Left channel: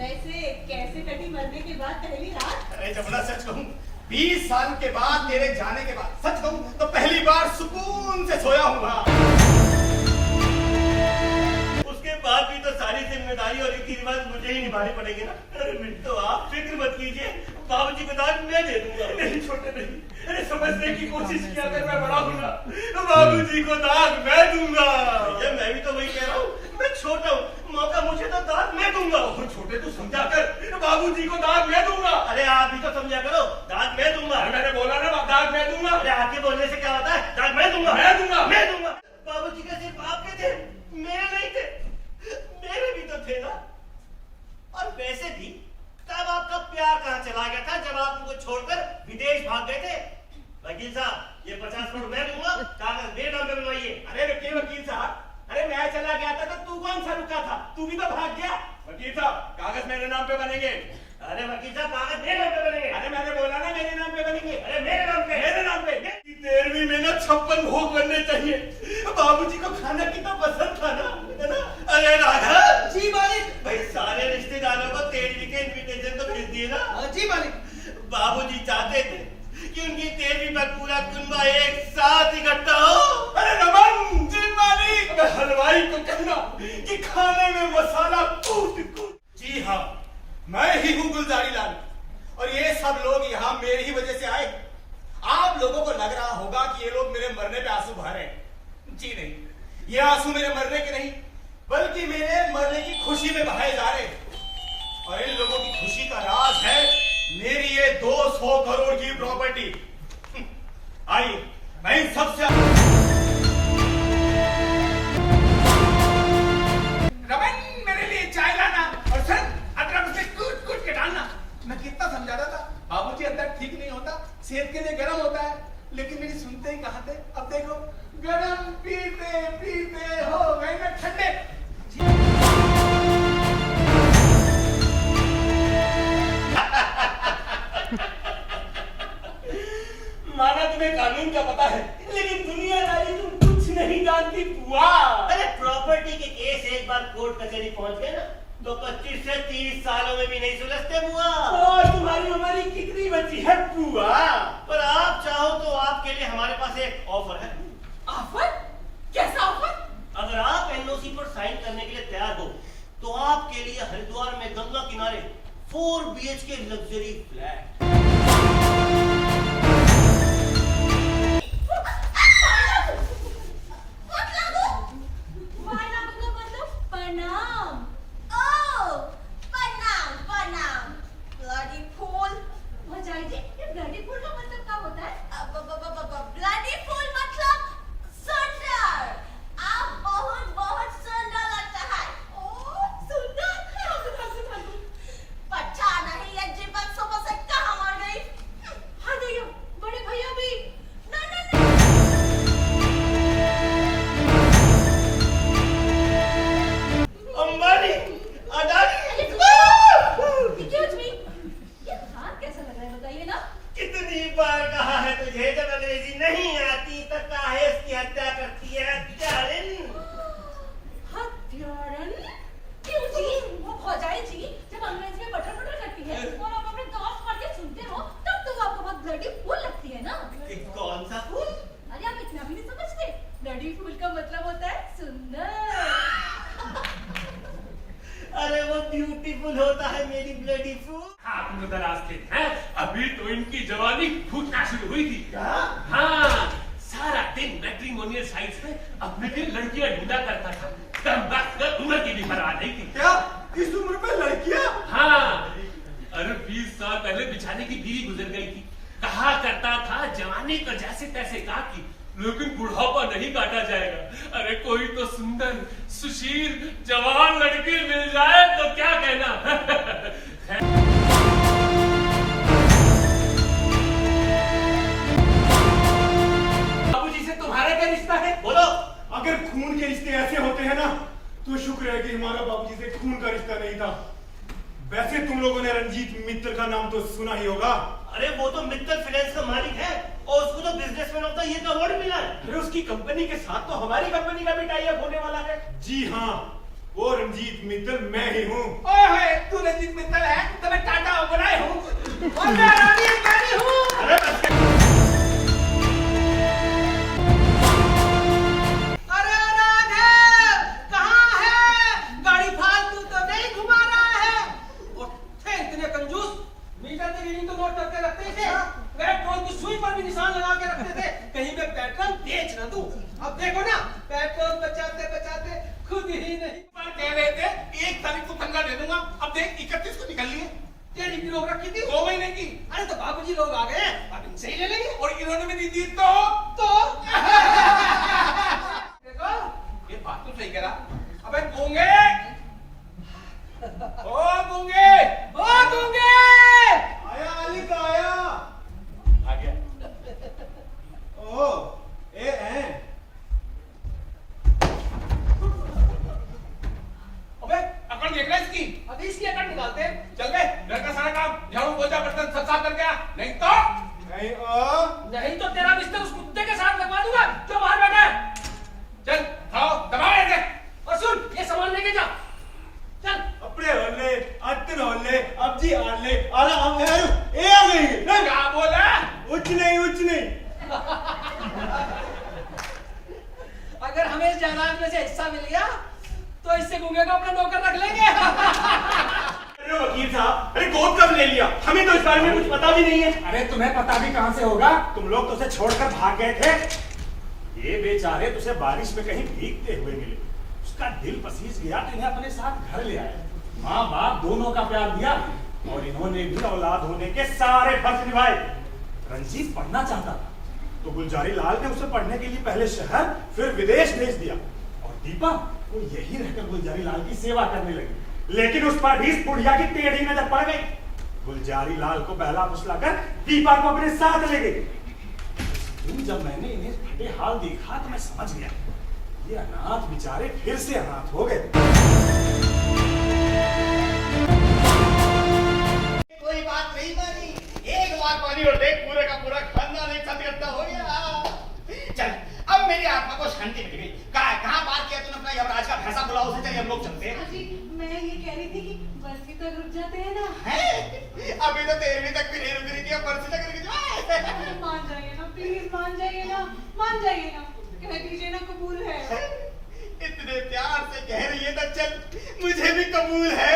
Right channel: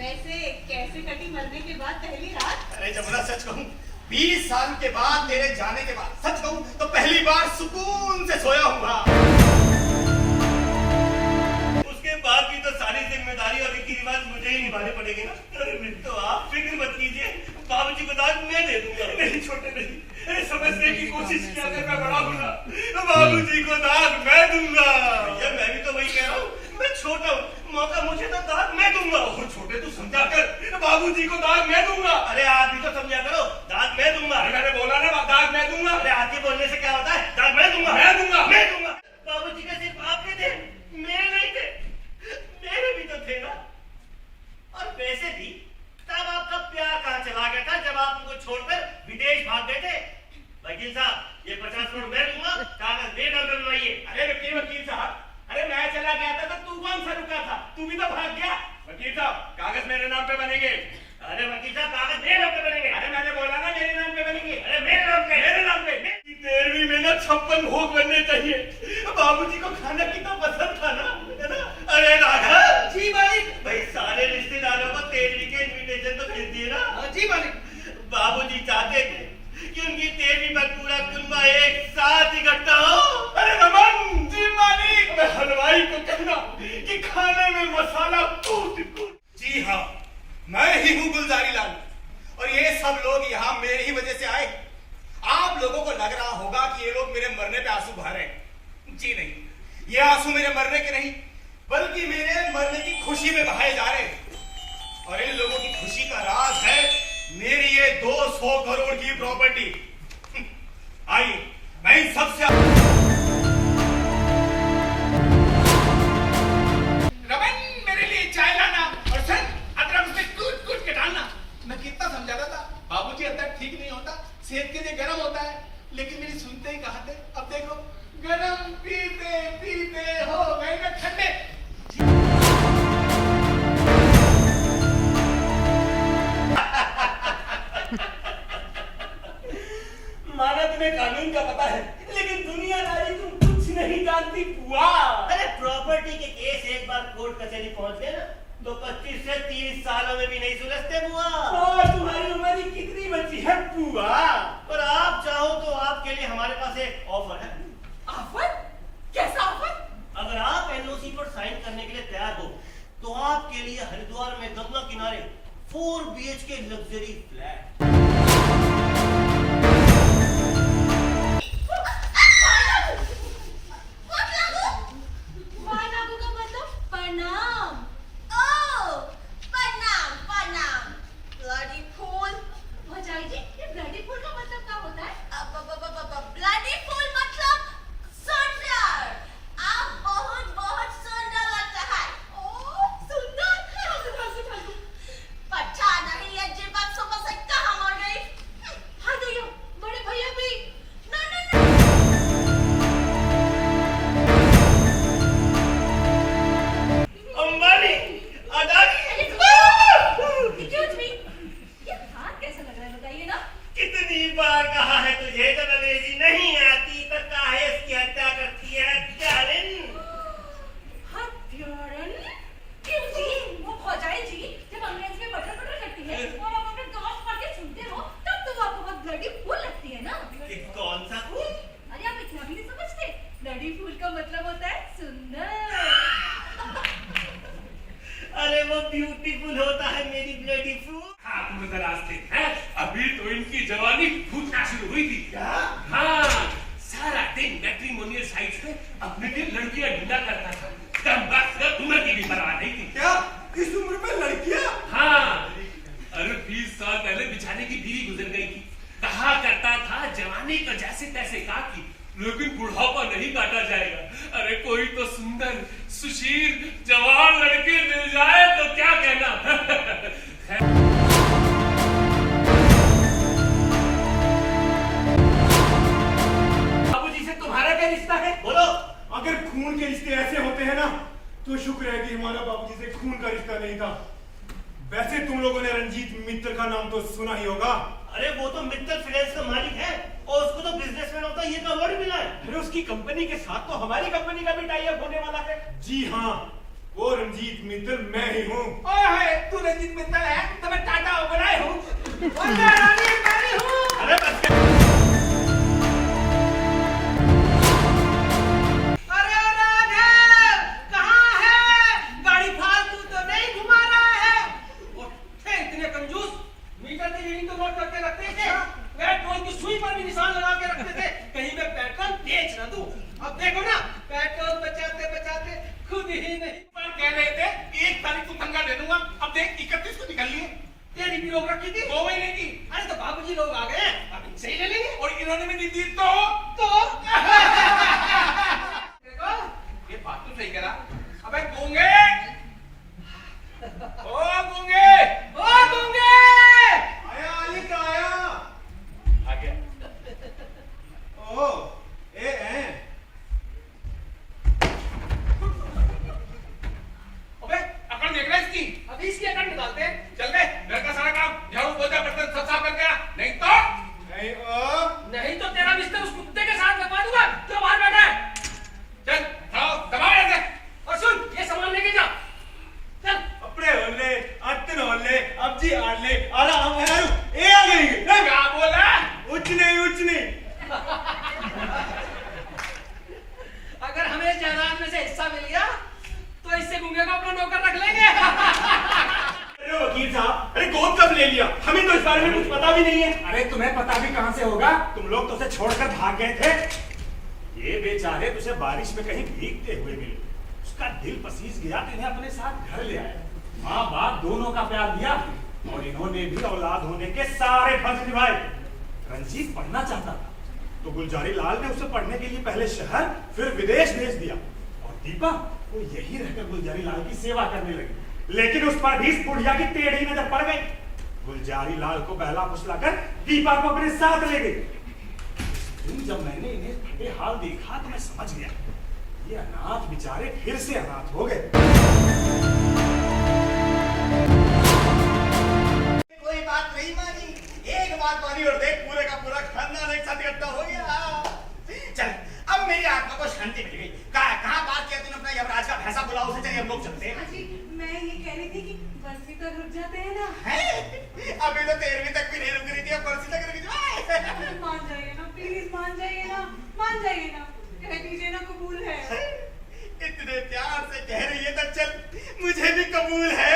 वैसे कैसे कटी मरने के बाद पहली रात? अरे जमुना सच कहूं 20 साल के बाद तेरे जाने के बाद सच कहूं तो पहली बार सुकून से सोया हूँ। उसके बाद भी तो सारी जिम्मेदारी और रीति रिवाज मुझे ही निभाने पड़ेंगे ना। अरे तो आप फिक्र मत कीजिए, बाबूजी को दाद मैं दे दूंगा। नहीं छोटे नहीं, अरे समझने की कोशिश किया अगर मैं बड़ा हूँ ना, बाबूजी को दाद मैं दूंगा। भैया मैं भी तो वही कह रहा हूँ, मैं छोटा हूँ, मौका मुझे तो दाद मैं दूंगा। और छोटे तू समझा कर, बाबूजी को दाद मैं दूंगा। अरे आप भी तो समझा करो, दाद मैं दूंगा। मैंने बोला ना दाद मैं दूंगा। अरे आगे बोलने से क्या होता है, दाद मैं दूंगा, मैं दूंगा, मैं दूंगा। बाबूजी का सिर्फ आपके थे, मेरे नहीं थे, मेरे भी तो थे ना। और वैसे भी तब आपका प्यार कहाँ चला गया था जब आप उनको छोड़कर विदेश भाग गए थे। वकील साहब ये 50 करोड़ मैं दूंगा, कागज मेरे नाम पे बनवाइए। अरे रुकिए वकील साहब, अरे मैं चला गया था तो तू कौन सा रुका था? तू भी तो भाग गया। वकील साहब कागज मेरे नाम पे बनेंगे। अरे वकील साहब कागज मेरे नाम पे बनेंगे। अरे मैंने बोला ना मेरे नाम पे बनेंगे। अरे मेरे नाम पे, मेरे नाम पे। 13वीं में ना 56 भोग बनने चाहिए। बाबूजी को खाना कितना पसंद था ना, है ना? अरे राघव जी मालिक। भाई सारे रिश्तेदारों को 13वीं के इनविटेशन तो भेज दिए ना। जी मालिक। बाबूजी चाहते थे कि उनकी 13वीं पर पूरा कुनबा एक साथ इकट्ठा हो। अरे रमन जी मालिक, मैं हलवाई को कहना कि खाने में मसाला कूट कूट। जी हाँ, मैं ही हूँ गुलजारी लाल और ये सब लोग यहाँ मेरी ही वजह से आए। आप लोगों को लग रहा होगा कि ये लोग मेरे मरने पे आंसू बहा रहे हैं। जी नहीं, ये आंसू मेरे मरने के नहीं बल्कि मेरे मरने की खुशी में बहाए जा रहे हैं। और इन लोगों की खुशी का राज है मेरी ये 200 करोड़ की प्रॉपर्टी। आइए मैं इन सबसे रमन मेरे लिए चाय लाना और सर अदरक उसमें कूट कूट के डालना। मैं कितना समझाता था बाबूजी अदरक ठीक नहीं होता, सेहत के लिए गर्म होता है, लेकिन मेरी सुनते ही कहाँ थे। अब देखो गरम पीते पीते हो गए ना ठंडे। माना तुम्हें कानून का पता है, लेकिन दुनियादारी तुम कुछ नहीं जानती बुआ। अरे प्रॉपर्टी के केस एक बार कोर्ट कचहरी पहुंच गए ना तो 25 से 30 सालों में भी नहीं सुलझते बुआ। और तुम्हारी उम्र ही कितनी बची है बुआ? पर आप चाहो तो आपके लिए हमारे पास एक ऑफर है। ऑफर? कैसा ऑफर? अगर आप एनओसी पर साइन करने के लिए तैयार हो तो आपके लिए हरिद्वार में गंगा किनारे 4 BHK लग्जरी फ्लैट। प्रणाम। Oh, प्रणाम प्रणाम ब्लडी फूल। भौजाई जी, ये ब्लडी फूल का मतलब क्या होता है? ब्लडी फूल मतलब सुंदर। आप बहुत बहुत सुंदर लगता है। ओह, सुंदर। पता नहीं ये जीवन सुबह से कहाँ मर गई। हाँ भैया, बड़े भैया भी। No. Ambani, Adani. Excuse me, ये हाथ कैसा लग रहा है बताइए ना? कितनी बार कहा है तुझे जब अंग्रेजी नहीं आती तो काहे इसकी हत्या करती है हत्यारिन। हत्यारन? क्यों जी? वो भौजाई जी जब अंग्रेज में बटर करती है और आप अपने कान फाड़ के सुनते हो तब तो आपको बहुत ब्लडी फूल लगती है ना? कि कौन सा फूल? अरे आप इतना भी नहीं समझते? ब्लडी फूल का मतलब होता है सुंदर। अरे वो ब्यूटीफुल होता है मेरी ब्लडी फूल। हाँ तुम नाराज थे हैं? अभी तो इनकी जवानी फूटना शुरू हुई थी। क्या? हाँ सारा दिन मैट्रिमोनियल साइट्स पे अपने लिए लड़कियां ढूंढा करता था। कम वक्त उम्र की भी परवाह नहीं थी। क्या इस उम्र में लड़कियां? हाँ अरे 20 साल पहले बेचारे की बीवी गुजर गई थी। कहा करता था जवानी को जैसे तैसे काटी, लेकिन बुढ़ापा नहीं काटा जाएगा। अरे कोई तो सुंदर सुशील जवान लड़की मिल जाए तो क्या कहना। बाबूजी से तुम्हारा क्या रिश्ता है? बोलो। अगर खून के रिश्ते ऐसे होते हैं ना तो शुक्र है कि हमारा बाबूजी से खून का रिश्ता नहीं था। वैसे तुम लोगों ने रंजीत मित्तल का नाम तो सुना ही होगा। अरे वो तो मित्तल फाइनेंस का मालिक है और उसको तो बिजनेसमैन ऑफ द ईयर का अवार्ड मिला है। अरे उसकी कंपनी के साथ तो हमारी कंपनी का भी टाई अप होने वाला है। जी हाँ, वो रंजीत मित्तल मैं ही हूँ। ओए होए, तू रंजीत मित्तल है, तो मैं टाटा बनाए हूँ। और मैं रानी अंबानी हूँ। अरे बस कर। अरे ओ राघव, कहाँ है? गाड़ी फालतू तो नहीं घुमा रहा है? और थे इतने कंजूस, मीटर की रीडिंग तो नोट करके रखते थे, पेट्रोल की सुई पर भी निशान लगा के रखते थे, कहीं मैं पेट्रोल बेच न दूं। अब देखो ना, पेट्रोल बचाते बचाते खुद ही नहीं। पर कह रहे थे 1 तारीख को तनख्वाह दे दूंगा, अब देख 31 को निकल लिए। तेरी भी रोक रखी थी 2 महीने की। अरे तो बाबूजी लोग आ गए, अब इनसे ही ले लेंगे। और इन्होंने भी नहीं दी तो देखो ये बात तो सही करा। अबे गूंगे, ओ गूंगे, ओ गूंगे, आया अली का आया। आ गया। ओ ए हैं। अबे अकड़ देख रहा है इसकी। अभी इसकी अकड़ निकालते हैं। चल बे, घर का सारा काम झाड़ू पोछा बर्तन सब साफ करके आ, नहीं तो नहीं। ओ नहीं तो तेरा बिस्तर उस कुत्ते के साथ लगवा दूंगा जो बाहर बैठा है। चल खाओ दबाओ ऐसे। और सुन, ये सामान लेके जा। चल। अपने होले अत्तन होले अब जी आले आराम है यार। ए आ गई नहीं क्या बोला? उच नहीं अगर हमें इस जायदाद में से हिस्सा मिल गया तो इससे गूंगे का अपना नौकर रख लेंगे। अरे वकील साहब, अरे गोद कब ले लिया? हमें तो इस बारे में कुछ पता भी नहीं है। अरे तुम्हें पता भी कहां से होगा? तुम लोग तो उसे छोड़कर भाग गए थे। ये बेचारे तुझे बारिश में कहीं भीगते हुए मिले, उसका दिल पसीज गया तो इन्हें अपने साथ घर ले आए। माँ बाप दोनों का प्यार दिया और इन्होंने भी औलाद होने के सारे फर्ज निभाए। रंजीत पढ़ना चाहता था तो गुलजारी लाल ने उसे पढ़ने के लिए पहले शहर फिर विदेश भेज दिया और दीपा वो यही रहकर गुलजारी लाल की सेवा करने लगी। लेकिन उस पर भी इस बुढ़िया की टेढ़ी नजर पड़ गई। गुलजारी लाल को बहला फुसलाकर दीपा को अपने साथ ले गई। उस दिन जब मैंने इन्हें फटे हाल देखा तो मैं समझ गया ये अनाथ बेचारे फिर से अनाथ हो गए। कोई बात नहीं मानी, एक बात मानी और देख पूरे का पूरा खानदान एक साथ इकट्ठा हो गया। चल अब मेरी आत्मा को शांति मिल गई। कहाँ बात किया तूने अपना यमराज का भैंसा बुलाओ उसे, चलिए हम लोग चलते हैं। जी मैं ये कह रही थी कि बरसी तक रुक जाते हैं ना। अभी तो 13वीं तक भी नहीं रुक रही थी, अब बरसी तक रुक जाए। मान जाइए ना प्लीज, मान जाइए ना, मान जाइए ना, कह दीजिए ना कबूल है। इतने प्यार से कह रही है तो चल मुझे भी कबूल है।